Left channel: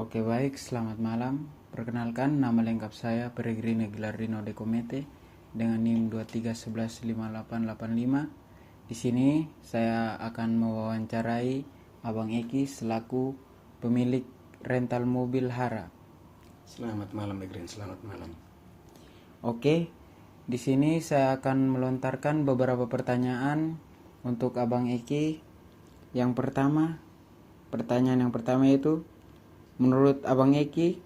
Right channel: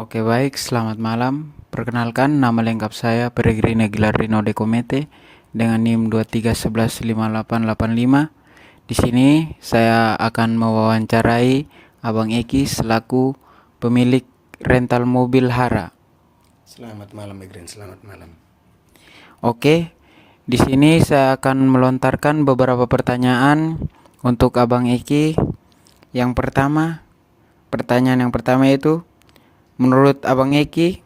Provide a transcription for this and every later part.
Oke baik, selamat malam. Perkenalkan, nama lengkap saya Peregrina Gilardino De Comete dengan NIM 23115885. Di sini saya akan mewawancarai Abang Eki selaku pemilik rental mobil Hara. Selamat malam, Egrin. Selamat malam. Oke, di sini saya akan melontarkan beberapa pertanyaan untuk Abang Eki. Yang pertama, pertanyaan yang pertama itu, menurut Abang Eki,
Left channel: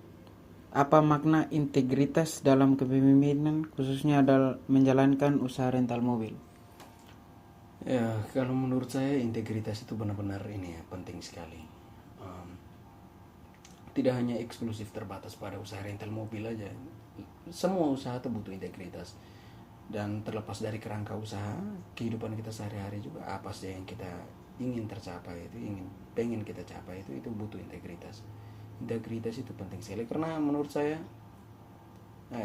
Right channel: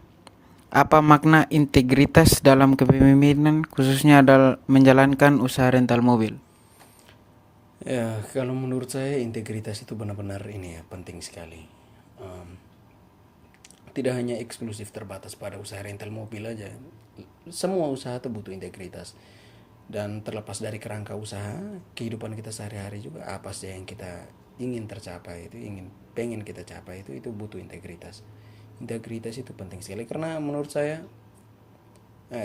apa makna integritas dalam kepemimpinan khususnya dalam menjalankan usaha rental mobil? Ya, kalau menurut saya integritas itu benar-benar ini ya penting sekali. Em, Tidak hanya eksklusif terbatas pada usaha rental mobil aja. Semua usaha itu butuh integritas. Dan terlepas dari kerangka usaha, kehidupan kita sehari-hari juga apa sih yang kita ingin tercapai itu, pengen kita capai itu butuh integritas. Integritas itu penting sekali karena menurut saya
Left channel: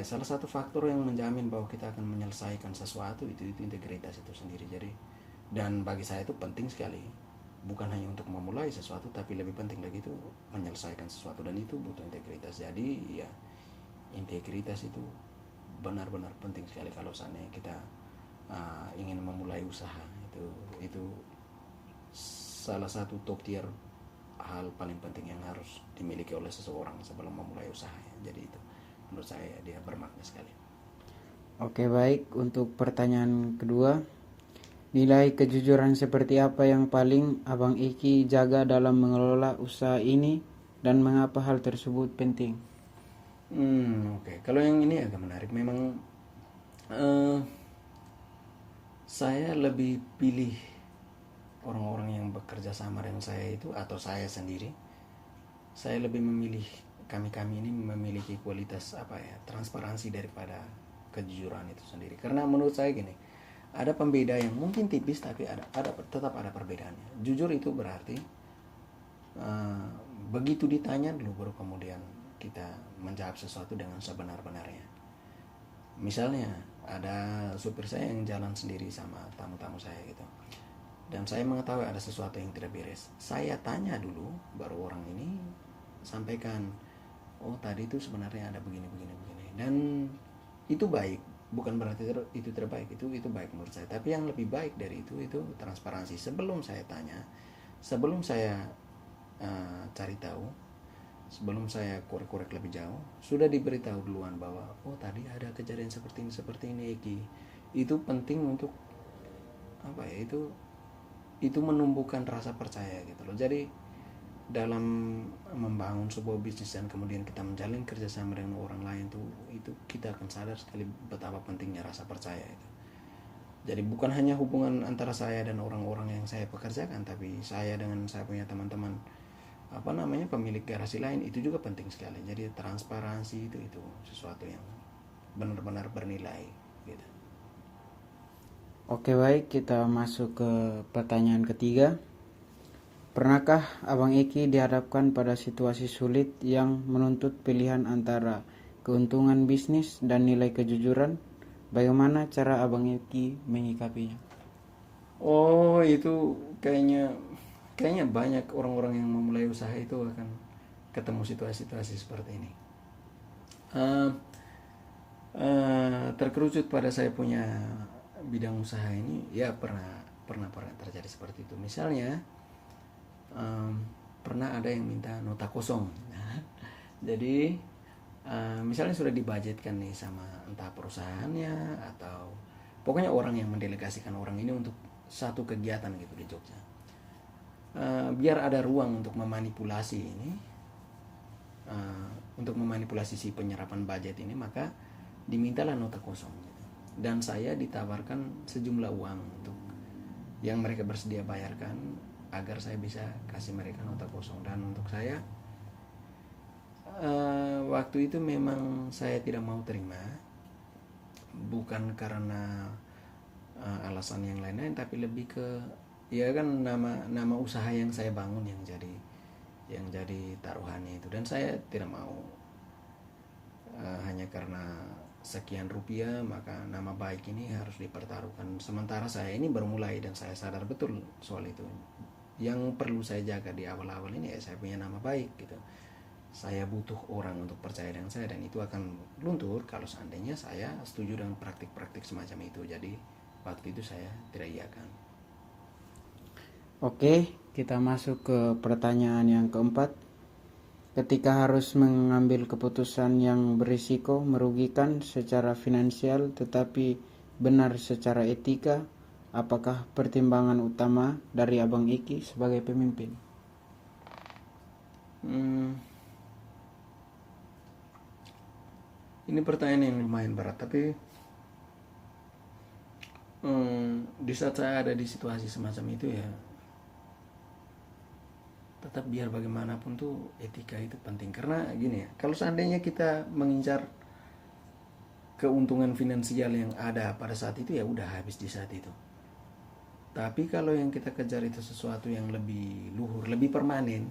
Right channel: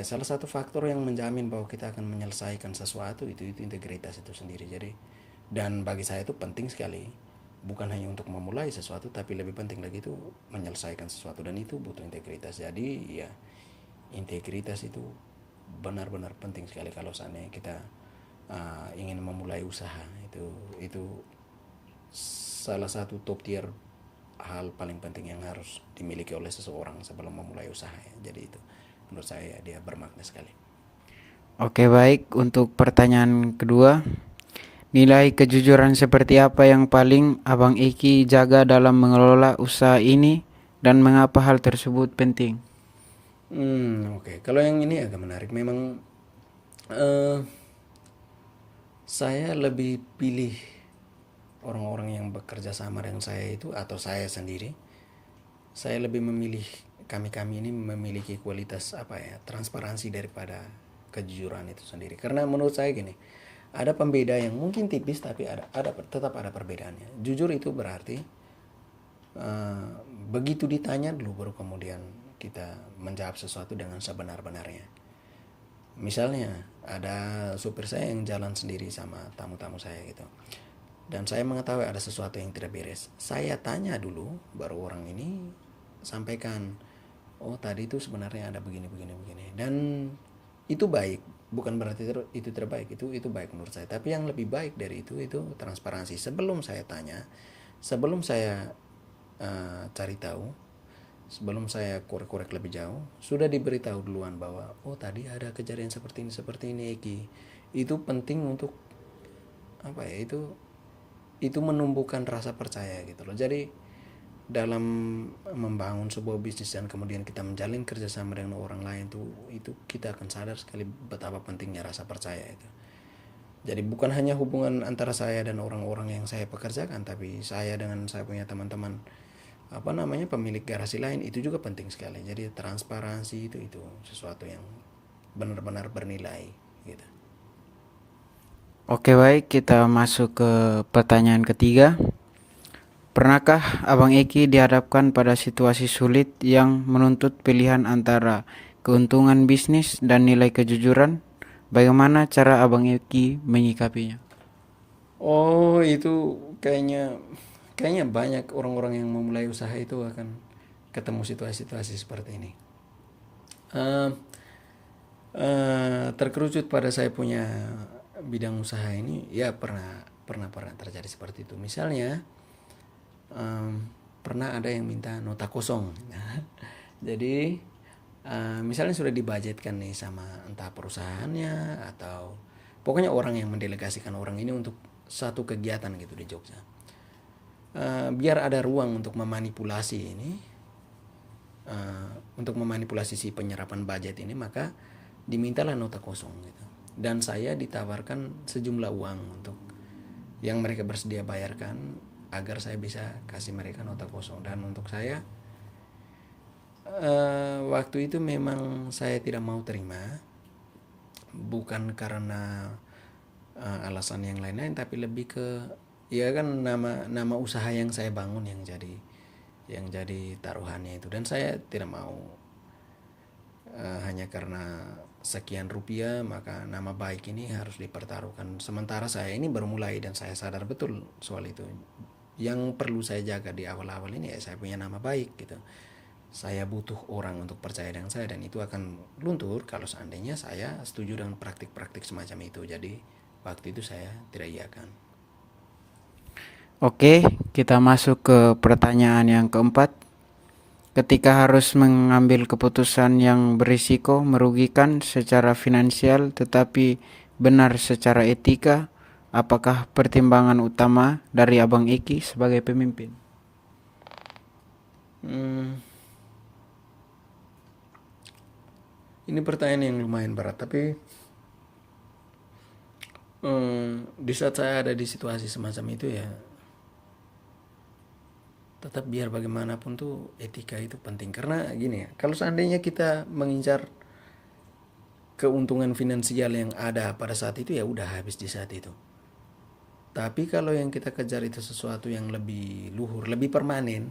salah satu faktor yang menjamin bahwa kita akan menyelesaikan sesuatu itu integritas itu sendiri. Jadi dan bagi saya itu penting sekali, bukan hanya untuk memulai sesuatu tapi lebih penting lagi itu menyelesaikan sesuatu, dan itu butuh integritas. Jadi ya, integritas itu benar-benar penting sekali kalau seandainya kita ingin memulai usaha. Itu salah satu top tier hal paling penting yang harus dimiliki oleh seseorang sebelum memulai usaha ya. Jadi itu menurut saya dia bermakna sekali. Oke baik, untuk pertanyaan kedua, nilai kejujuran seperti apa yang paling Abang Eki jaga dalam mengelola usaha ini dan mengapa hal tersebut penting? Oke. Kalau yang ini agak menarik. Memang eh, saya lebih pilih orang-orang yang bekerja sama dengan saya itu, atau saya sendiri. Saya lebih memilih, kami-kami ini memiliki kualitas apa ya, transparansi daripada kejujuran itu sendiri. Karena menurut saya gini, ada pembeda yang mungkin tipis tapi tetap ada perbedaannya. Jujur itu berarti eh, begitu ditanya dulu baru kemudian kita menjawab sesuatu dengan sebenar-benarnya. Misalnya ada supir saya yang jalan sendiri sama tamu-tamu saya gitu, dan saya mengetahui ada sesuatu yang tidak beres. Saya tanya dulu baru orang ini sampaikan, oh tadi itu sebenarnya ada begini begini begini, dan itu baik. Bukan berarti itu terbaik, itu baik menurut saya. Tapi yang lebih baik dari itu transparansi. Sebelum saya tanya, sebelum saya cari tahu, sebelum saya korek-korek lebih jauh, sudah diberitahu duluan bahwa oh tadi ada kejadian seperti ini Eki. Itu penting untuk apa ya, itu menumbuhkan rasa percaya gitu loh. Jadi dalam membangun sebuah bisnis dan kemudian kita menjalin kerjasama dengan orang lain tuh, itu kita akan sadar sekali betapa pentingnya rasa percaya itu. Jadi bukan hanya hubungan antara saya dan orang-orang yang saya pekerjakan, tapi saya dengan saya punya teman-teman apa namanya pemilik garasi lain itu juga penting sekali. Jadi transparansi itu sesuatu yang benar-benar bernilai gitu. Oke baik, kita masuk ke pertanyaan ketiga. Pernahkah Abang Eki dihadapkan pada situasi sulit yang menuntut pilihan antara keuntungan bisnis dan nilai kejujuran? Bagaimana cara Abang Eki menyikapinya? Oh, itu kayaknya kayaknya banyak orang-orang yang memulai usaha itu akan ketemu situasi-situasi seperti ini. Eh, Terkerucut pada saya punya bidang usaha ini, ya pernah terjadi seperti itu. Misalnya pernah ada yang minta nota kosong. Jadi misalnya sudah dibudgetkan nih sama entah perusahaannya atau pokoknya orang yang mendelegasikan orang ini untuk satu kegiatan gitu di Jogja. Biar ada ruang untuk memanipulasi ini, untuk memanipulasi si penyerapan budget ini, maka dimintalah nota kosong gitu. Dan saya ditawarkan sejumlah uang untuk yang mereka bersedia bayarkan agar saya bisa kasih mereka nota kosong. Dan untuk saya waktu itu memang saya tidak mau terima, bukan karena alasan yang lain-lain, tapi lebih ke ya kan nama usaha yang saya bangun yang jadi taruhannya itu, dan saya tidak mau hanya karena sekian rupiah maka nama baik ini harus dipertaruhkan. Sementara saya ini baru mulai dan saya sadar betul soal itu. Yang perlu saya jaga di awal-awal ini ya saya punya nama baik gitu. saya butuh orang untuk percaya dengan saya, dan itu akan luntur kalau seandainya saya setuju dengan praktik-praktik semacam itu. Jadi waktu itu saya tidak iakan. Oke, kita masuk ke pertanyaan yang keempat. Ketika harus mengambil keputusan yang berisiko, merugikan secara finansial tetapi benar secara etika, apakah pertimbangan utama dari Abang Iki sebagai pemimpin? Ini pertanyaan yang lumayan berat, tapi di saat saya ada di situasi semacam itu ya, tetap biar bagaimanapun tuh etika itu penting. Karena gini ya, kalau seandainya kita mengincar keuntungan finansial yang ada pada saat itu, ya udah habis di saat itu. Tapi kalau yang kita kejar itu sesuatu yang lebih luhur, lebih permanen,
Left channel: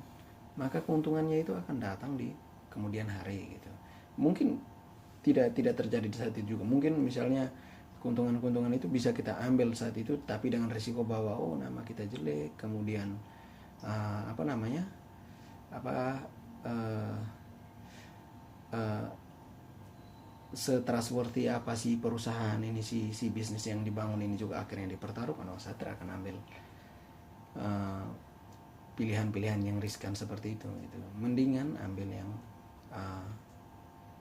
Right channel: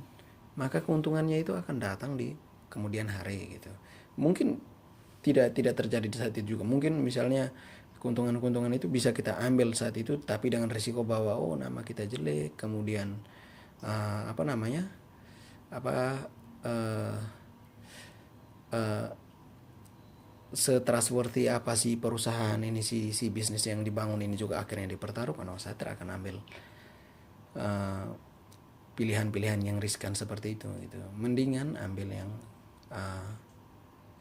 maka keuntungannya itu akan datang di kemudian hari gitu. Mungkin tidak terjadi di saat itu juga. Mungkin misalnya keuntungan-keuntungan itu bisa kita ambil saat itu, tapi dengan risiko bahwa nama kita jelek, kemudian apa namanya, apa setrustworthy apa sih perusahaan ini, si bisnis yang dibangun ini juga akhirnya dipertaruhkan. Saya tidak akan ambil pilihan-pilihan yang riskan seperti itu gitu. Mendingan ambil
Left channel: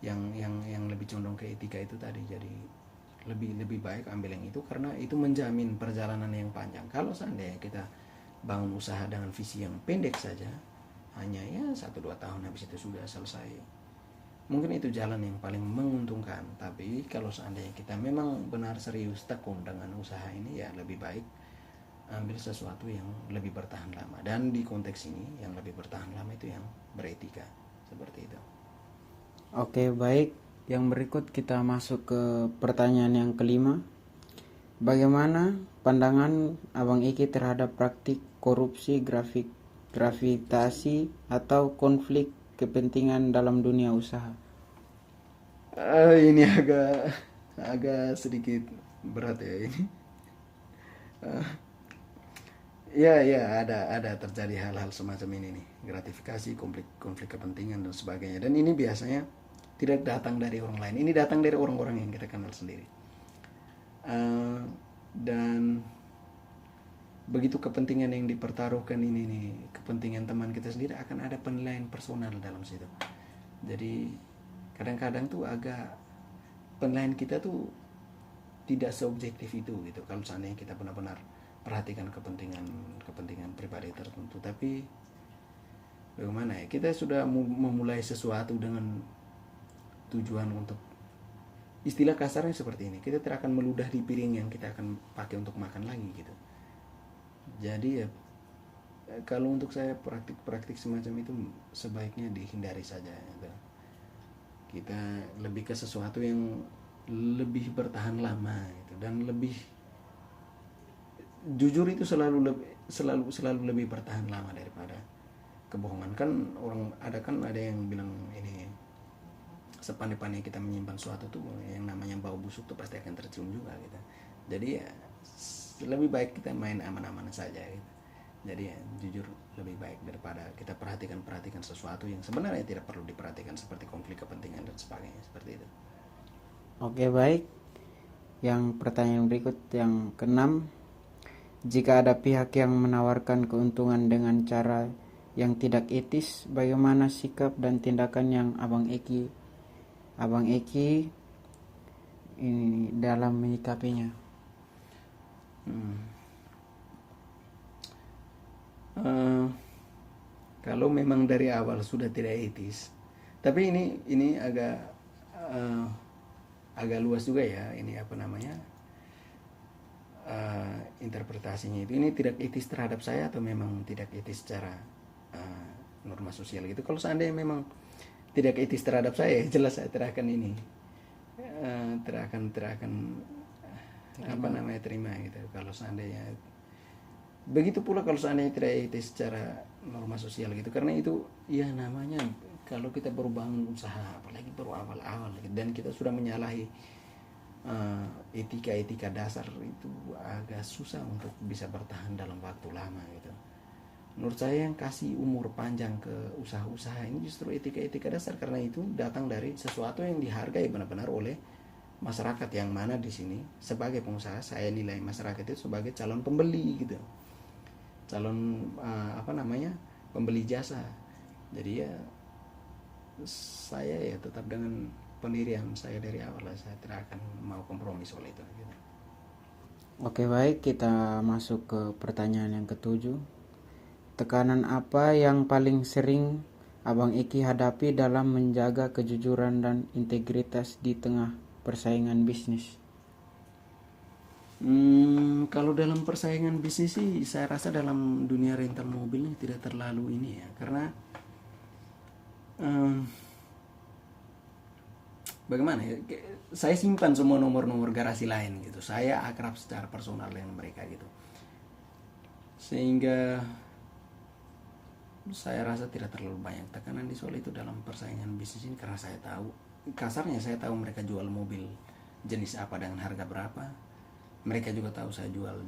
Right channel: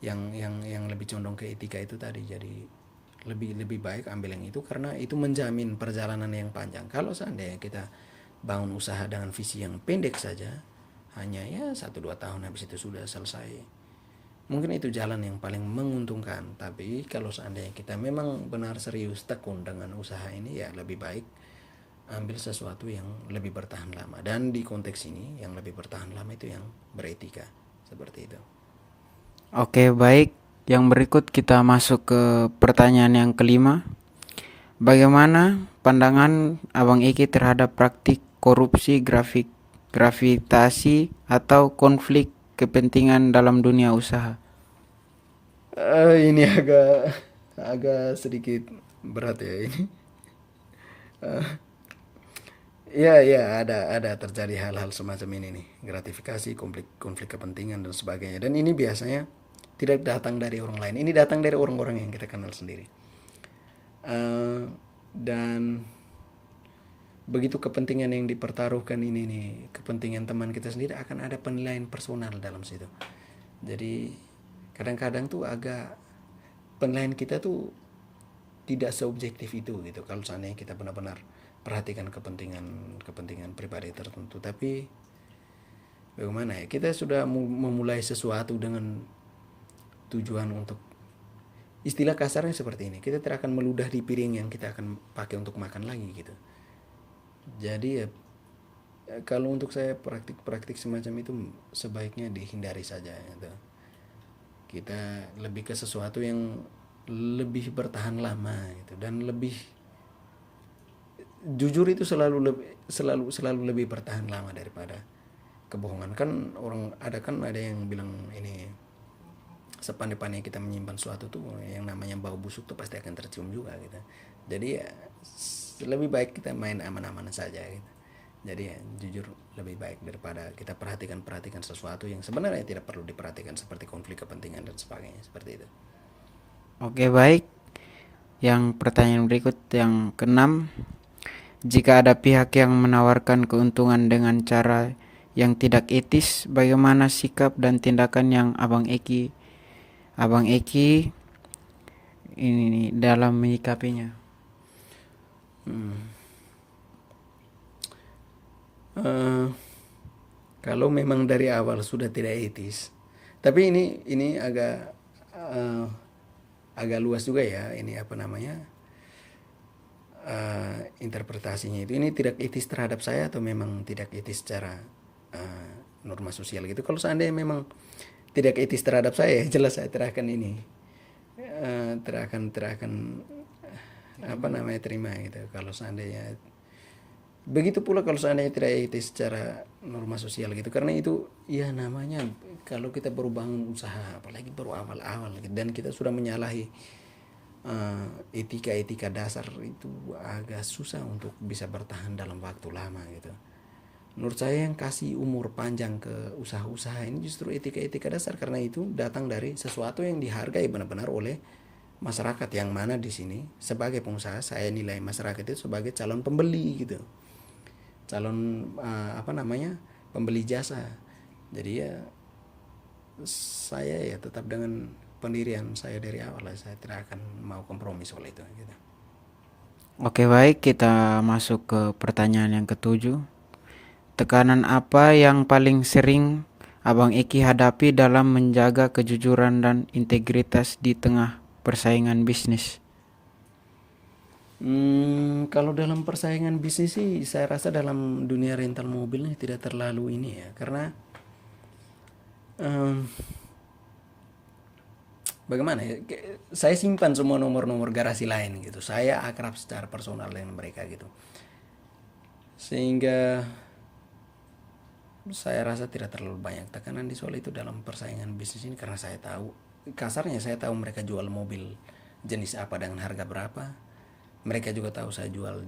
yang lebih condong ke etika itu tadi. Jadi lebih baik ambil yang itu, karena itu menjamin perjalanan yang panjang. Kalau seandainya kita bangun usaha dengan visi yang pendek saja, hanya ya 1-2 tahun habis itu sudah selesai, mungkin itu jalan yang paling menguntungkan. Tapi kalau seandainya kita memang benar serius tekun dengan usaha ini, ya lebih baik ambil sesuatu yang lebih bertahan lama. Dan di konteks ini yang lebih bertahan lama itu yang beretika, seperti itu. Oke, baik. Yang berikut kita masuk ke pertanyaan yang kelima. Bagaimana pandangan Abang Iki terhadap praktik korupsi, gravitasi atau konflik kepentingan dalam dunia usaha? Ini agak sedikit berat ya ini. Ya, ada terjadi hal-hal semacam ini nih, gratifikasi, konflik kepentingan dan sebagainya. Dan ini biasanya tidak datang dari orang lain, ini datang dari orang-orang yang kita kenal sendiri. Dan begitu kepentingan yang dipertaruhkan ini nih, kepentingan teman kita sendiri, akan ada penilaian personal dalam situ. Jadi kadang-kadang tuh agak penilaian kita tuh tidak seobjektif itu gitu, kalau seandainya kita benar-benar perhatikan kepentingan pribadi tertentu. Tapi bagaimana ya, kita sudah memulai sesuatu dengan tujuan untuk, istilah kasarnya seperti ini, kita tidak akan meludah di piring yang kita akan pakai untuk makan lagi gitu. Jadi ya, kalau untuk saya praktik-praktik semacam itu sebaiknya dihindari saja gitu. Kita lebih ke sesuatu yang lebih bertahan lama gitu, dan lebih jujur itu selalu lebih bertahan lama daripada kebohongan. Kan ada yang bilang ini, sepandai-pandai kita menyimpan sesuatu tuh, yang namanya bau busuk tuh pasti akan tercium juga gitu. Jadi ya lebih baik kita main aman-aman saja gitu. Jadi ya jujur lebih baik daripada kita perhatikan sesuatu yang sebenarnya tidak perlu diperhatikan, seperti konflik kepentingan dan sebagainya, seperti itu. Oke, baik. Yang pertanyaan berikut yang keenam. Jika ada pihak yang menawarkan keuntungan dengan cara yang tidak etis, bagaimana sikap dan tindakan yang Abang Eki ini dalam menyikapinya? Kalau memang dari awal sudah tidak etis, tapi ini agak luas juga ya, ini apa namanya, interpretasinya itu. Ini tidak etis terhadap saya atau memang tidak etis secara norma sosial gitu. Kalau seandainya memang tidak etis terhadap saya, jelas saya tidak akan ini, tidak akan apa namanya, terima gitu. Kalau seandainya begitu pula kalau seandainya tidak etis secara norma sosial gitu, karena itu ya namanya, kalau kita baru bangun usaha, apalagi baru awal-awal gitu, dan kita sudah menyalahi etika dasar, itu agak susah untuk bisa bertahan dalam waktu lama gitu. Menurut saya yang kasih umur panjang ke usaha-usaha ini justru etika-etika dasar, karena itu datang dari sesuatu yang dihargai benar-benar oleh masyarakat, yang mana di sini sebagai pengusaha saya nilai masyarakat itu sebagai calon pembeli gitu, calon pembeli jasa. Jadi ya saya ya tetap dengan pendirian saya dari awal, saya tidak akan mau kompromi soal itu gitu. Oke, baik, kita masuk ke pertanyaan yang ketujuh. Tekanan apa yang paling sering Abang Eki hadapi dalam menjaga kejujuran dan integritas di tengah persaingan bisnis? Kalau dalam persaingan bisnis sih saya rasa dalam dunia rental mobil ini tidak terlalu ini ya, karena em, bagaimana ya, saya simpan semua nomor-nomor garasi lain gitu, saya akrab secara personal dengan mereka gitu, sehingga saya rasa tidak terlalu banyak tekanan di soal itu dalam persaingan bisnis ini, karena saya tahu, kasarnya saya tahu mereka jual mobil jenis apa dengan harga berapa, mereka juga tahu saya jual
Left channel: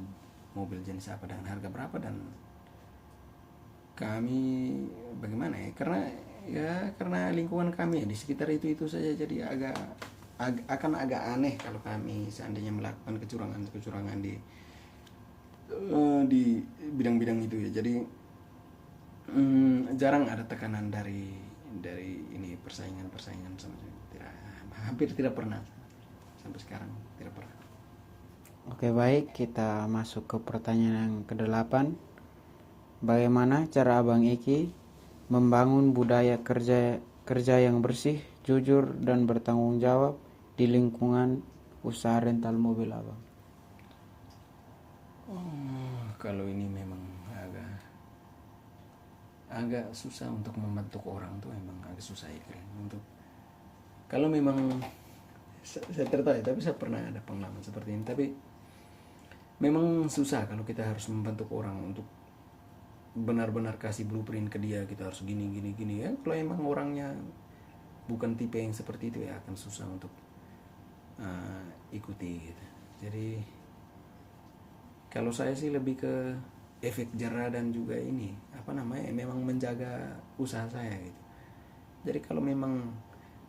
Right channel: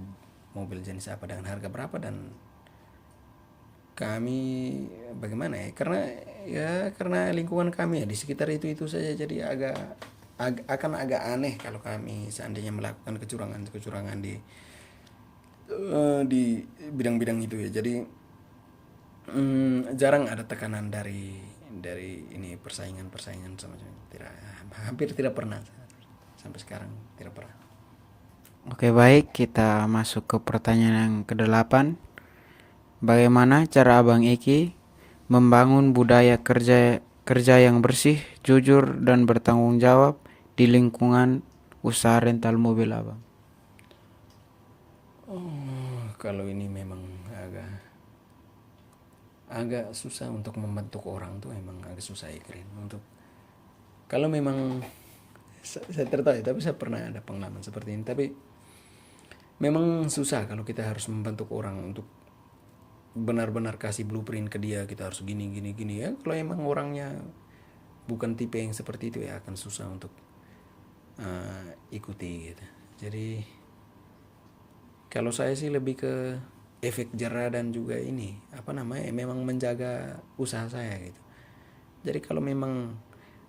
mobil jenis apa dengan harga berapa, dan kami bagaimana ya, karena lingkungan kami ya di sekitar itu saja, jadi akan agak aneh kalau kami seandainya melakukan kecurangan di bidang-bidang itu ya. Jadi jarang ada tekanan dari ini persaingan semacam itu. Hampir tidak pernah sampai sekarang, tidak pernah. Oke, baik, kita masuk ke pertanyaan yang kedelapan. Bagaimana cara Abang Eki membangun budaya kerja yang bersih, jujur, dan bertanggung jawab di lingkungan usaha rental mobil Abang? Kalau ini memang agak susah untuk membentuk orang tuh, emang agak susah ya keren untuk, kalau memang saya tertarik, tapi saya pernah ada pengalaman seperti ini, tapi memang susah kalau kita harus membentuk orang untuk benar-benar kasih blueprint ke dia, kita harus gini gini gini ya. Kalau emang orangnya bukan tipe yang seperti itu ya akan susah untuk ikuti gitu. Jadi kalau saya sih lebih ke efek jerah dan juga ini memang menjaga usaha saya gitu. Jadi kalau memang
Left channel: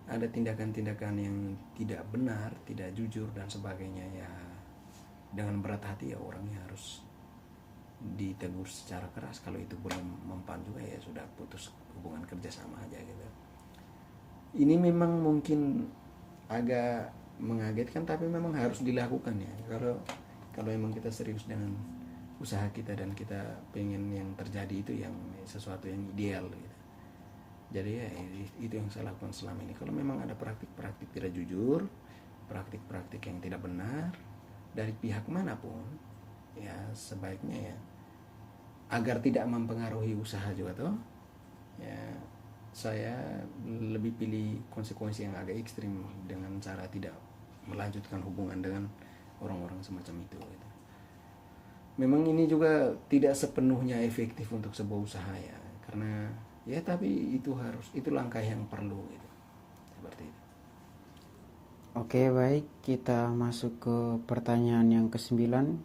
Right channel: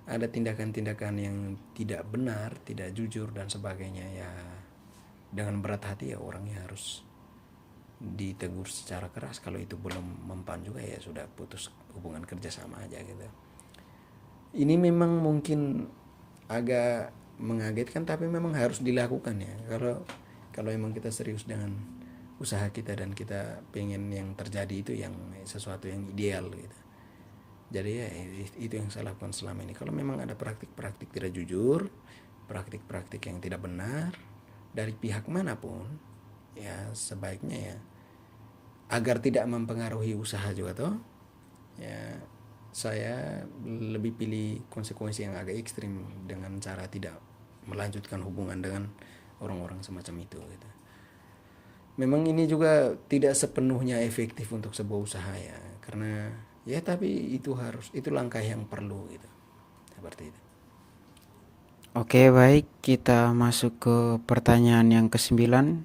ada tindakan-tindakan yang tidak benar, tidak jujur dan sebagainya ya, dengan berat hati ya orangnya harus ditegur secara keras. Kalau itu belum mempan juga ya sudah, putus hubungan kerja sama aja gitu. Ini memang mungkin agak mengagetkan, tapi memang harus dilakukan ya. Kalau emang kita serius dengan usaha kita dan kita pengen yang terjadi itu yang sesuatu yang ideal gitu. Jadi ya itu yang saya lakukan selama ini. Kalau memang ada praktik-praktik tidak jujur, praktik-praktik yang tidak benar dari pihak manapun, ya sebaiknya ya agar tidak mempengaruhi usaha juga toh, ya saya lebih pilih konsekuensi yang agak ekstrim dengan cara tidak melanjutkan hubungan dengan orang-orang semacam itu gitu. Memang ini juga tidak sepenuhnya efektif untuk sebuah usaha ya, karena ya tapi itu langkah yang perlu gitu, seperti itu. Oke, baik, kita masuk ke pertanyaan yang kesembilan.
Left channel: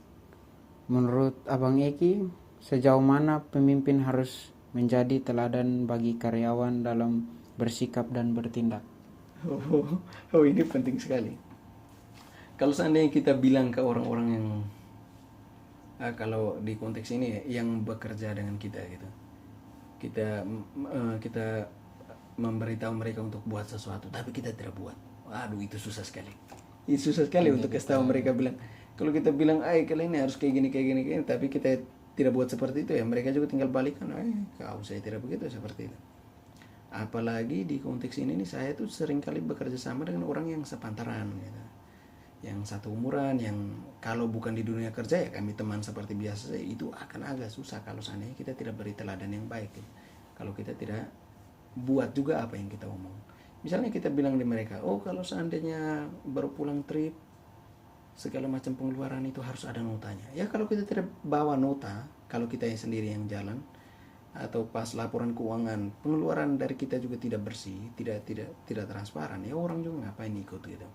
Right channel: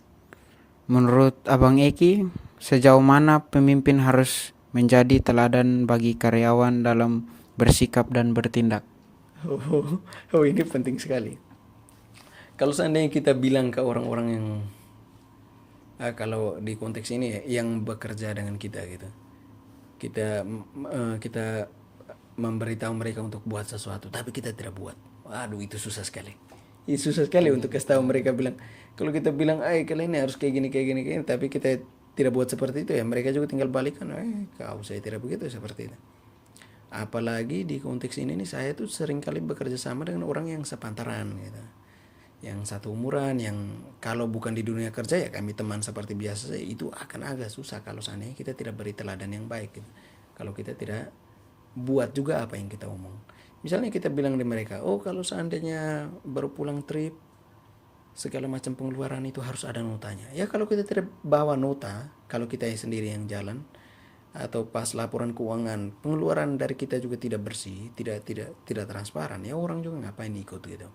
Menurut Abang Eki, sejauh mana pemimpin harus menjadi teladan bagi karyawan dalam bersikap dan bertindak? Ini penting sekali. Kalau seandainya kita bilang ke orang-orang yang kalau di konteks ini ya, yang bekerja dengan kita gitu, kita memberitahu mereka untuk buat sesuatu tapi kita tidak buat, waduh itu susah sekali. Itu susah sekali untuk kasih tahu mereka, bilang kalau kita bilang kalian ini harus kayak gini, tapi kita tidak buat seperti itu ya, mereka juga tinggal balikan, kau saya tidak begitu, seperti itu. Apalagi di konteks ini nih, saya tuh sering kali bekerja sama dengan orang yang sepantaran gitu, yang satu umuran, yang kalau bukan di dunia kerja ya kami teman seperti biasa, itu akan agak susah kalau seandainya kita tidak beri teladan yang baik gitu. Kalau kita tidak buat juga apa yang kita omong. Misalnya kita bilang di mereka, kalau seandainya baru pulang trip, segala macam pengeluaran itu harus ada notanya. Ya kalau kita tidak bawa nota, kalau kita sendiri yang jalan, atau pas laporan keuangan pengeluaran dari kita juga tidak bersih, tidak transparan, ya orang juga ngapain ikut gitu.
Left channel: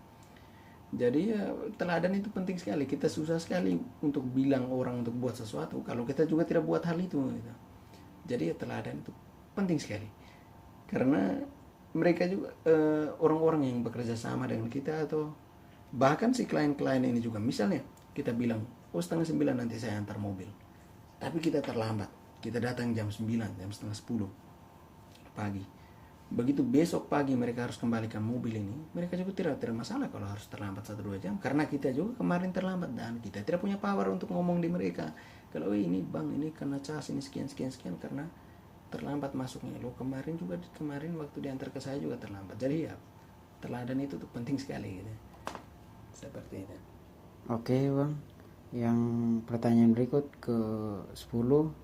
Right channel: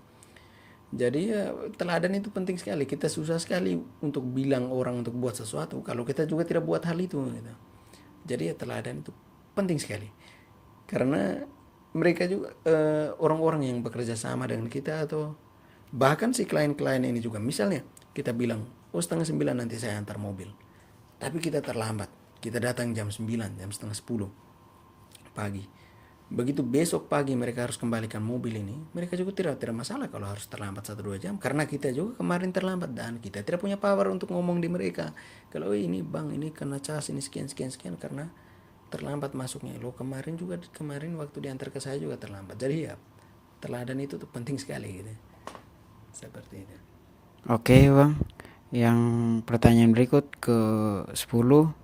Jadi ya teladan itu penting sekali. Kita susah sekali untuk bilang orang untuk buat sesuatu kalau kita juga tidak buat hal itu gitu. Jadi ya teladan itu penting sekali, karena mereka juga orang-orang yang bekerja sama dengan kita, atau bahkan si klien-klien ini juga, misalnya kita bilang, oh 8:30 nanti saya antar mobil, tapi kita terlambat, kita datang jam 9, jam setengah 10 pagi. Begitu besok pagi mereka harus kembalikan mobil ini, mereka juga tidak masalah kalau harus terlambat 1-2 jam, karena kita juga kemarin terlambat dan kita tidak punya power untuk ngomong di mereka kalau ini bang, ini karena cas ini sekian sekian sekian karena terlambat masuknya. Lo kemarin juga, kemarin waktu diantar ke saya juga terlambat. Jadi ya teladan itu tuh penting sekali gitu, seperti itu. Oke Bang, yang pertanyaan berikut ke 10,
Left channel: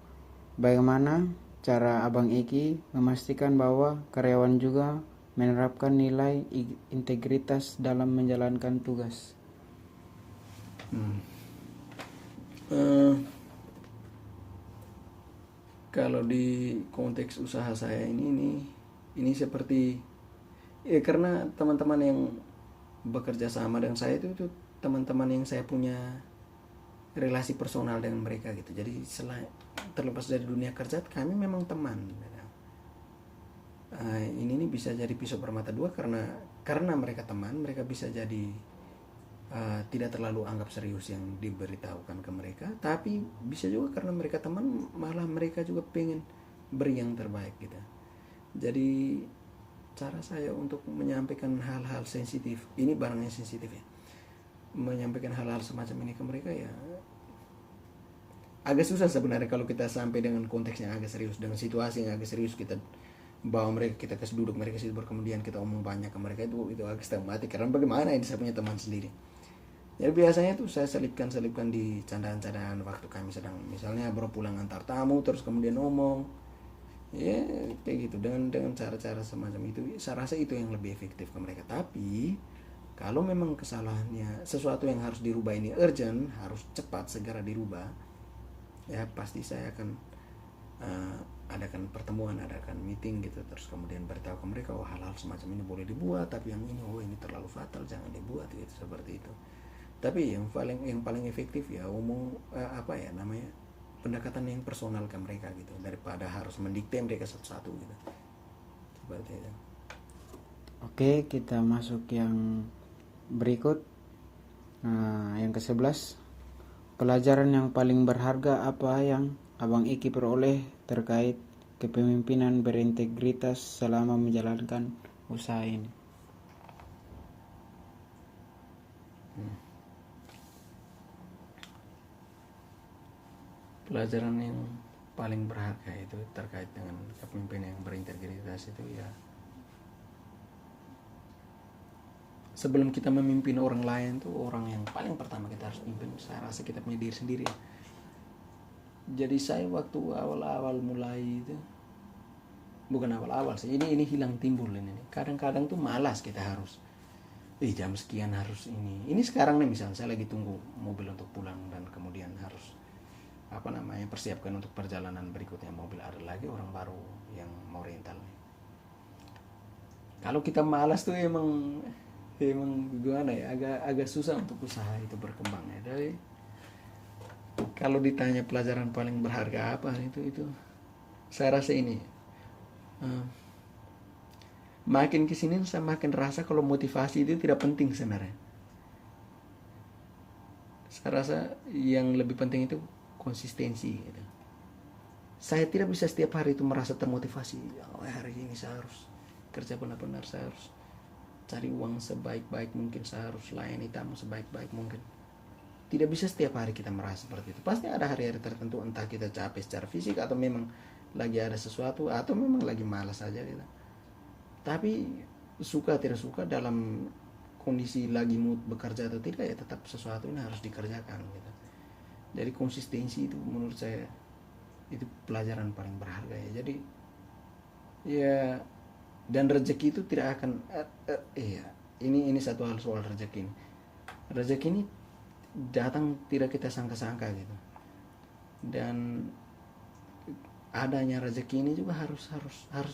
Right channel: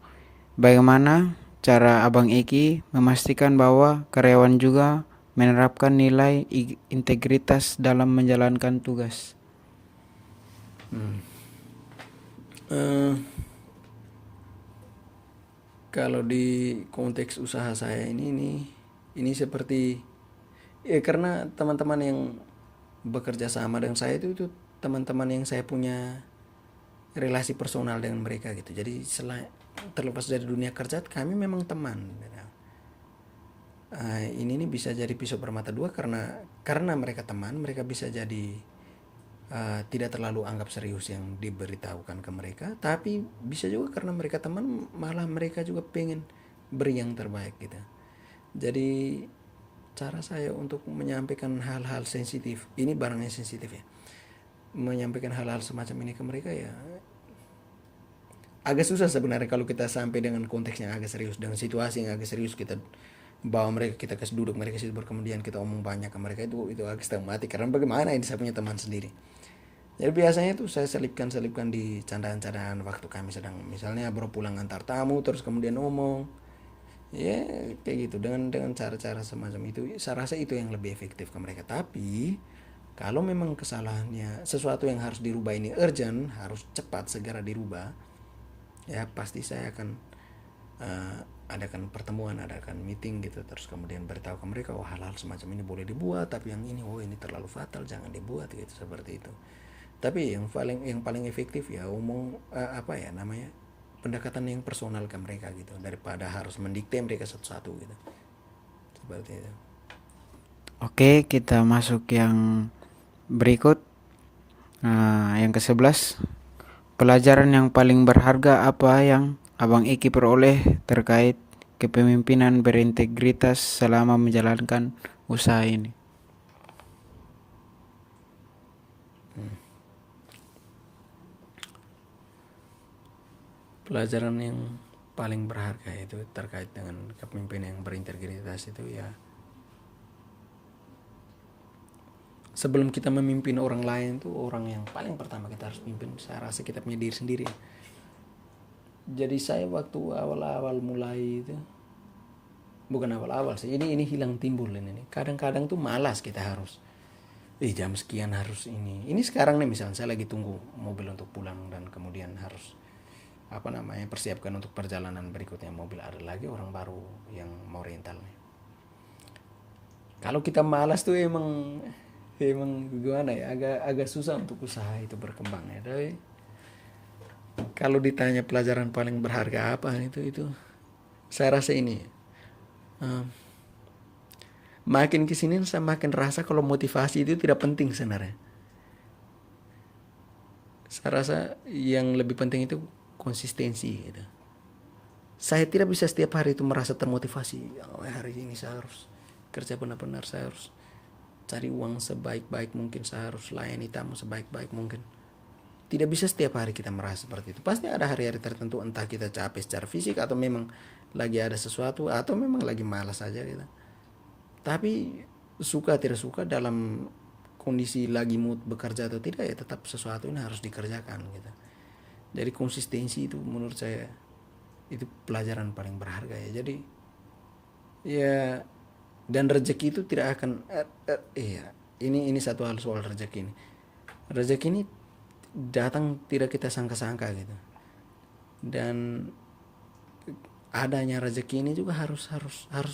bagaimana cara Abang Eki memastikan bahwa karyawan juga menerapkan nilai integritas dalam menjalankan tugas? Eh, kalau di konteks usaha saya ini seperti karena teman-teman yang bekerja sama dengan saya itu teman-teman yang saya punya relasi personal dengan mereka gitu. Jadi terlepas dari dunia kerja, kami memang teman. Ini bisa jadi pisau bermata dua, karena mereka teman, mereka bisa jadi tidak terlalu anggap serius yang diberitahukan ke mereka, tapi bisa juga karena mereka teman, malah mereka juga pengen beri yang terbaik gitu. Jadi cara saya untuk menyampaikan hal-hal sensitif, ini barangnya sensitif ya, menyampaikan hal-hal semacam ini ke mereka ya agak susah sebenarnya kalau kita sampai dengan konteks yang agak serius, dengan situasi yang agak serius, kita bawa mereka, kita kasih duduk mereka situ, kemudian kita omong banyak ke mereka, itu agak setengah mati, karena bagaimana ini saya punya teman sendiri. Jadi biasanya itu saya selipkan di candaan-candaan waktu kami sedang misalnya baru pulang antar tamu, terus kemudian ngomong ya kayak gitu, dengan cara-cara semacam itu. Saya rasa itu yang lebih efektif ke mereka. Tapi kalau memang kesalahannya sesuatu yang harus dirubah ini urgent, harus cepat segera dirubah, ya pasti saya akan adakan pertemuan, adakan meeting gitu, terus kemudian beritahu ke mereka, oh hal-hal semacam ini boleh dibuat, tapi yang ini, oh ini terlalu fatal, jangan dibuat gitu, seperti itu. Tapi yang paling efektif ya pendekatan yang personal ke mereka gitu, daripada harus mendikte mereka satu-satu gitu, seperti itu. Oke, kita masuk yang berikut. Yang ke-11, pelajaran yang paling berharga apa yang Abang Eki peroleh terkait kepemimpinan berintegritas selama menjalankan usaha ini? Pelajaran yang paling berharga itu terkait dengan kepemimpinan yang berintegritas itu ya, sebelum kita memimpin orang lain tuh, orang yang paling pertama kita harus pimpin, saya rasa kita punya diri sendiri. Jadi saya waktu awal-awal mulai itu, bukan awal-awal sih, ini hilang timbul ini. Kadang-kadang tuh malas kita harus jam sekian harus ini sekarang nih, misalnya saya lagi tunggu mobil untuk pulang dan kemudian harus persiapkan untuk perjalanan berikutnya, mobil ada lagi orang baru yang mau rental. Kalau kita malas tuh emang gimana ya, agak susah untuk usaha itu berkembang ya. Tapi kalau ditanya pelajaran paling berharga apa, itu saya rasa ini, makin kesini saya makin rasa kalau motivasi itu tidak penting sebenarnya. Saya rasa yang lebih penting itu konsistensi gitu. Saya tidak bisa setiap hari itu merasa termotivasi, oh hari ini saya harus kerja benar-benar, saya harus cari uang sebaik-baik mungkin, saya harus layani tamu sebaik-baik mungkin. Tidak bisa setiap hari kita merasa seperti itu. Pasti ada hari-hari tertentu, entah kita capek secara fisik, atau memang lagi ada sesuatu, atau memang lagi malas aja gitu. Tapi suka tidak suka, dalam kondisi lagi mood bekerja atau tidak, ya tetap sesuatu ini harus dikerjakan gitu. Jadi konsistensi itu menurut saya itu pelajaran paling berharga ya. Jadi ya, dan rezeki itu tidak akan ini satu hal soal rezeki ini. Rezeki ini datang tidak kita sangka-sangka gitu. Dan adanya rezeki ini juga harus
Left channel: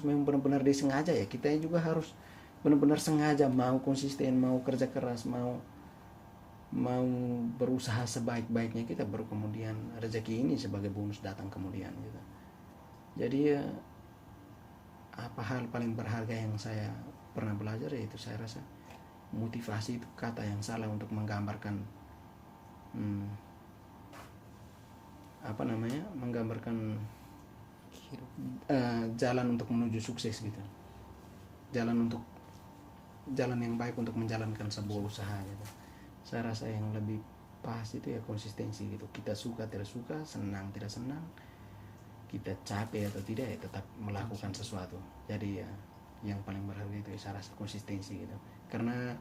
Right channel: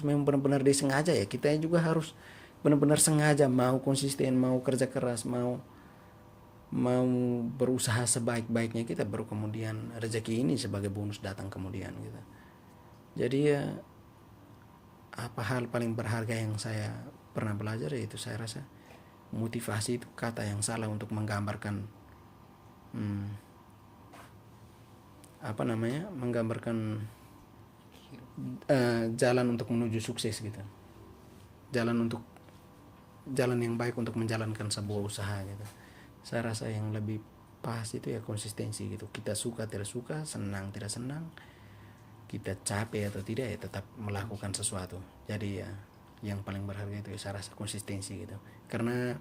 memang benar-benar disengaja ya. Kita juga harus benar-benar sengaja mau konsisten, mau kerja keras, mau berusaha sebaik-baiknya kita, baru kemudian rezeki ini sebagai bonus datang kemudian gitu. Jadi ya, apa hal paling berharga yang saya pernah belajar, yaitu saya rasa motivasi itu kata yang salah untuk menggambarkan menggambarkan jalan untuk menuju sukses gitu, jalan yang baik untuk menjalankan sebuah usaha gitu. Saya rasa yang lebih pas itu ya konsistensi gitu. Kita suka tidak suka, senang tidak senang, kita capek atau tidak, ya tetap melakukan sesuatu. Jadi ya yang paling berharga itu ya saya rasa konsistensi gitu. Karena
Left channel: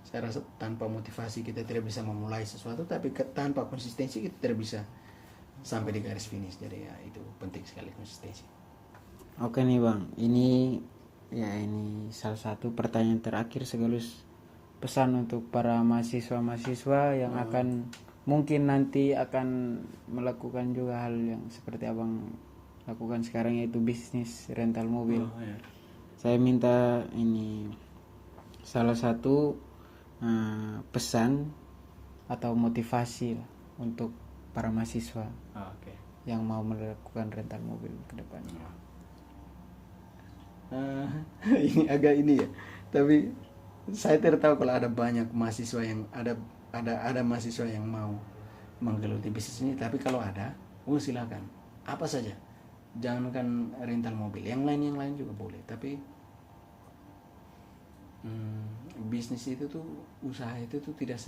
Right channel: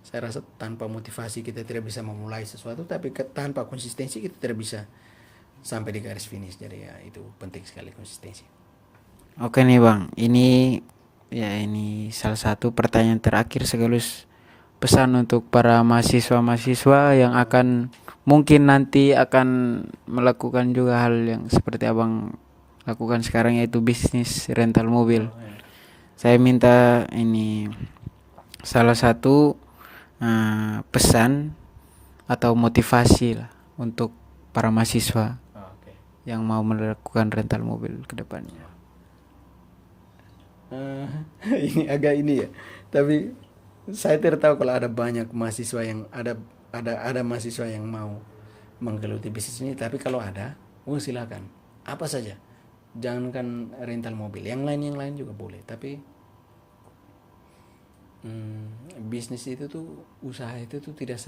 saya rasa tanpa motivasi kita tidak bisa memulai sesuatu, tapi tanpa konsistensi kita tidak bisa sampai di garis finish. Jadi ya itu penting sekali konsistensi. Oke nih Bang, ini salah satu pertanyaan terakhir sekaligus pesan untuk para mahasiswa-mahasiswa yang akan mungkin nanti akan melakukan juga hal yang seperti Abang lakukan sekarang, yaitu bisnis rental mobil. Saya minta ini salah satu pesan atau motivasi lah untuk para mahasiswa yang mau melakukan rental mobil ke depannya. Ini agak ini ya, tapi saya tidak tahu kalau ada banyak mahasiswa yang ada mahasiswa yang mau menggeluti bisnis ini. Tapi kalau ada, silakan, apa saja, jangankan rental mobil, yang lain juga boleh. Tapi bisnis itu tuh, usaha itu tuh tidak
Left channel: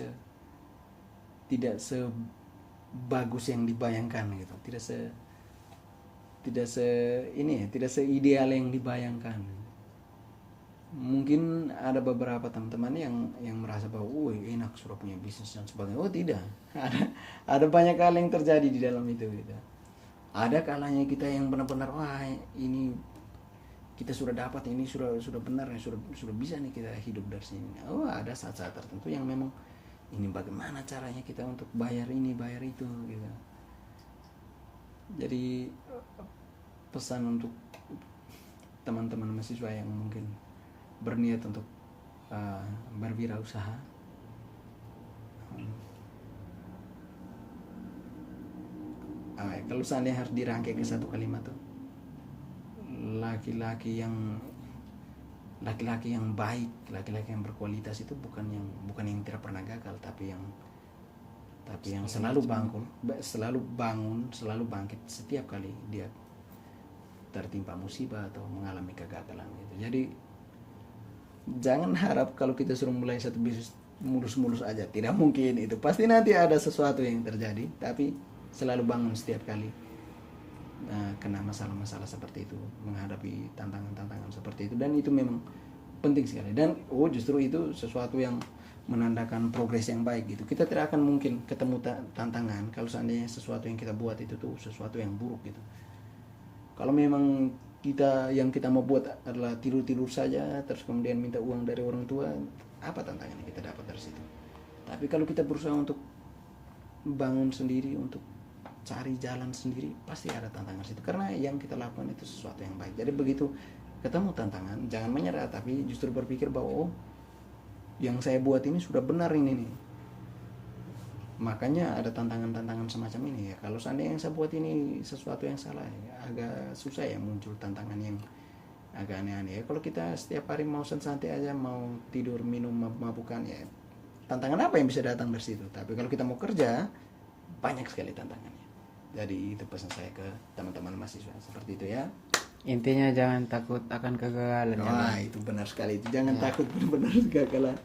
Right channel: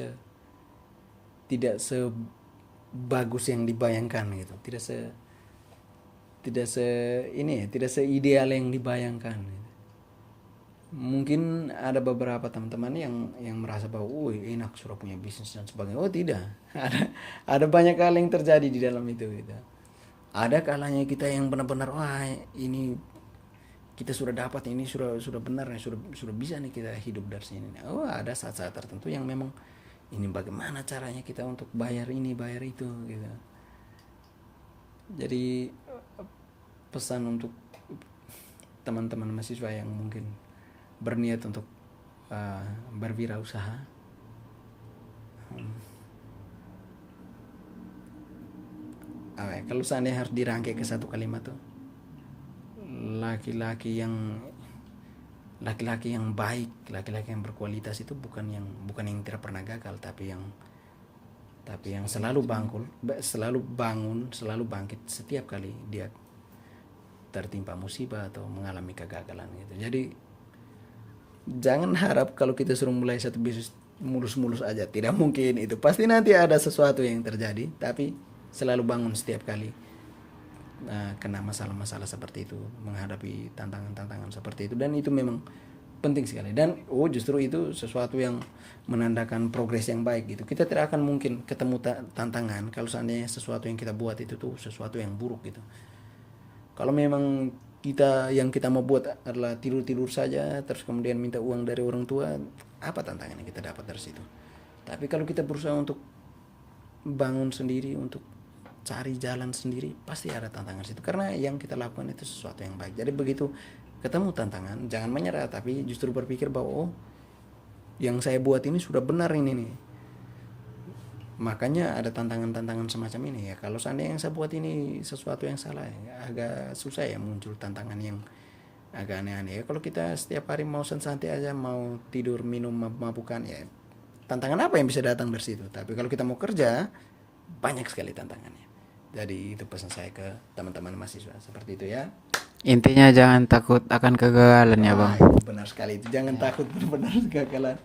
sebagus yang dibayangkan gitu, tidak seideal yang dibayangkan. Mungkin ada beberapa teman-teman yang merasa bahwa enak sudah punya bisnis dan sebagainya. Tidak. Ada banyak hal yang terjadi di dalam itu gitu. Ada kalanya kita yang benar-benar ini kita sudah dapat, ini sudah benar, sudah bisa nih kita hidup dari sini. Ada saat-saat tertentu yang memang ini bagaimana caranya kita untuk bayar ini, bayar itu gitu. Jadi pesan untuk teman-teman mahasiswa yang mungkin berniat untuk berwirausaha, kalau seandainya harus dirangkai ke satu kalimat tuh, laki-laki yang baik, laki-laki yang berkualitas itu bukan yang tidak pernah gagal, tapi yang selalu bangun, selalu bangkit setiap kali dia tertimpa musibah atau mengalami kegagalan gitu. Jadi jangan harap kalau kita suruh mulai satu bisnis mulus-mulus aja, tidak mungkin itu. Pasti nanti ada sesuatu yang terjadi, tapi selalu bangun setiap kali kena masalah-masalah seperti itu, menghadapi tantangan-tantangan seperti itu. Dan itu memang penting sekali, dan justru itu sesuatu yang menandakan progres yang baik gitu. Kita tidak akan mungkin ketemu tantangan kalau seandainya sesuatu yang kita buat itu tuh sesuatu yang buruk gitu. Kalau memang yang kita mau buat adalah tidur saja, terus kemudian minta uang dari orang tua, apa tantangan yang kita dapat dari situ? Tapi kalau kita berusaha untuk bangun sendiri, untuk cari jalan sendiri, pasti ada tantangan situ, karena yang kita lakukan itu sesuatu yang baik. Jadi begitu ketemu tantangan, jangan menyerah, tapi justru berpikir bahwa yang saya buat ini sudah benar ini nih. Makanya ada tantangan-tantangan semacam ini ya. Kalau seandainya yang saya buat ini sesuatu yang salah, agak susah ya muncul tantangan yang agak aneh-aneh ya. Kalau kita setiap hari mau santai aja, mau tidur, minum, mabuk-mabukan, ya tantangan apa yang bisa datang dari situ? Tapi kalau kita mau kerja, banyak sekali tantangannya. Jadi itu pesan saya ke teman-teman mahasiswa, seperti itu ya. Intinya jangan takut akan kegagalan ya Bang. Itu benar sekali, itu jangan takut benar-benar kegagalan.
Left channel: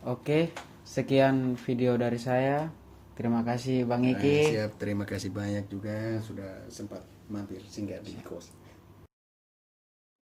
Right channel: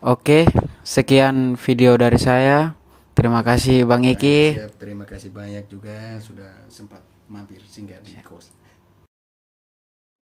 Oke, sekian video dari saya. Terima kasih Bang Iki. Siap, terima kasih banyak juga sudah sempat mampir singgah di kos.